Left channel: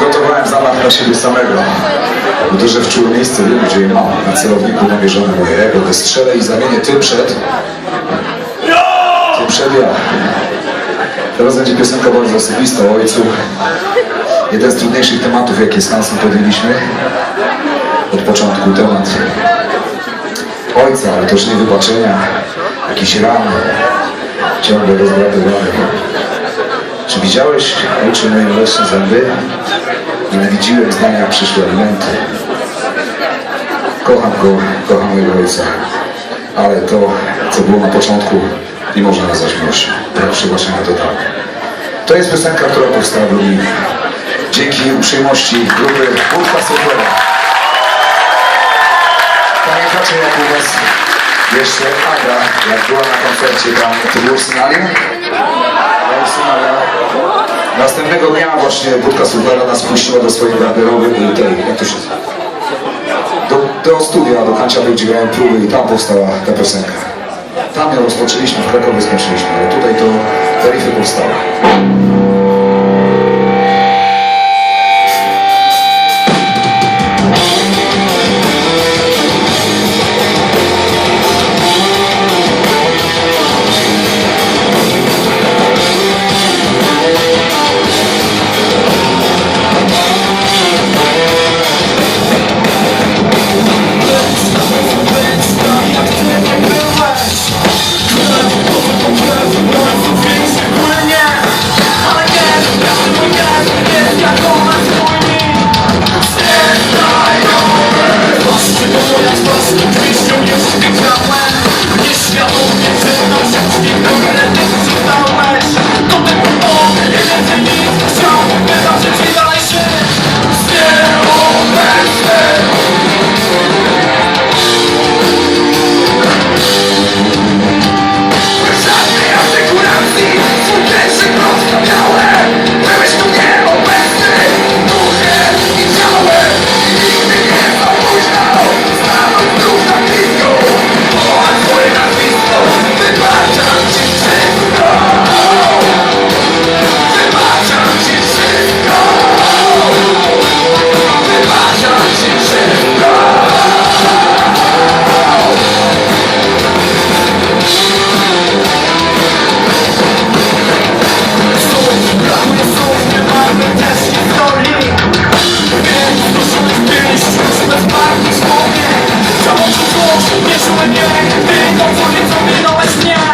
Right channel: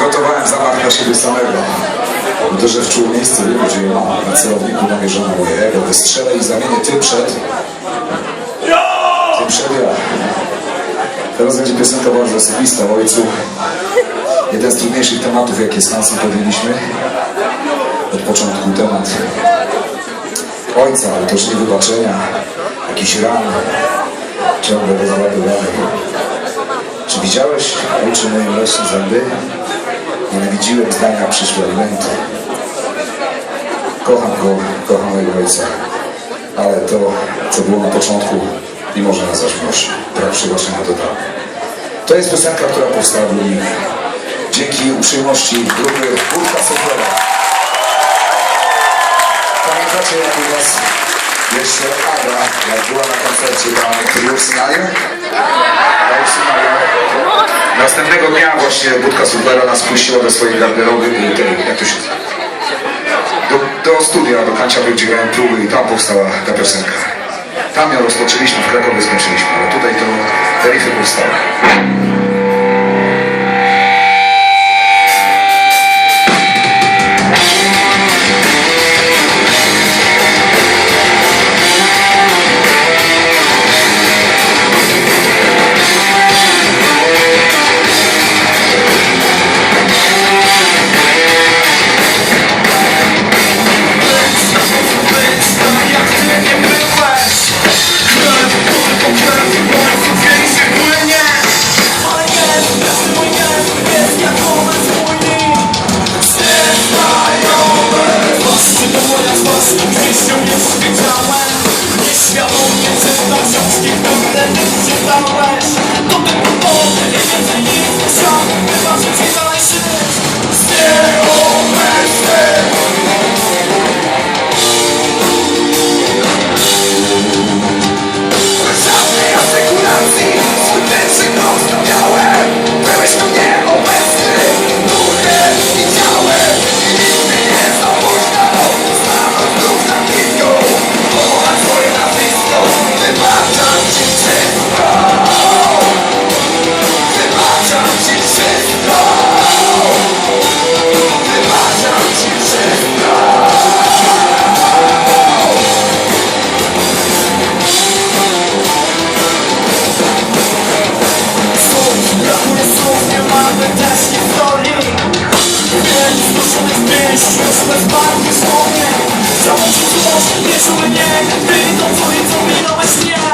Przygotowałem zamach na siebie samego. Uderzę w czułe miejsce, wiem gdzie mam. Na celowniku namierzone mojego. Wystrzelę i zamienię ty przed... Ty przed ja. Teraz będzie piosenka bardzo osobista o ojcu. Jeden z trudniejszych tematów, jakie z Hansem podjęliśmy. Od początku temat ojca, ale też nie wybaczenia, jakiś ran, ciągle rozładowany. Czy widziałeś, ojcze, moje mleczne zęby? Nienawidziłem zdania przyszłe elementy. Kocham go, kocham mojego ojca, ale to, co było na początku, nie można nazwać miłością. Proszę właśnie na to tak. To jest piosenka, która powstała w Lublinie. Dzięki uprzejmości grupy Budka Sofera. Pamiętacie jak u was jeszcze Aga, jak była na koncercie tam, w Synaliu? W Synaliu. Następnego dnia właśnie Budka Suflera nas puściła do swojej garderoby i tej, jak to się? Do, do studia, do Kanciapy, gdzie grałem próby i tam powstała ta piosenka. Tam ją rozpoczęliśmy, w Krakowie skończyliśmy, ale tutaj to Feryfy powstały. Czy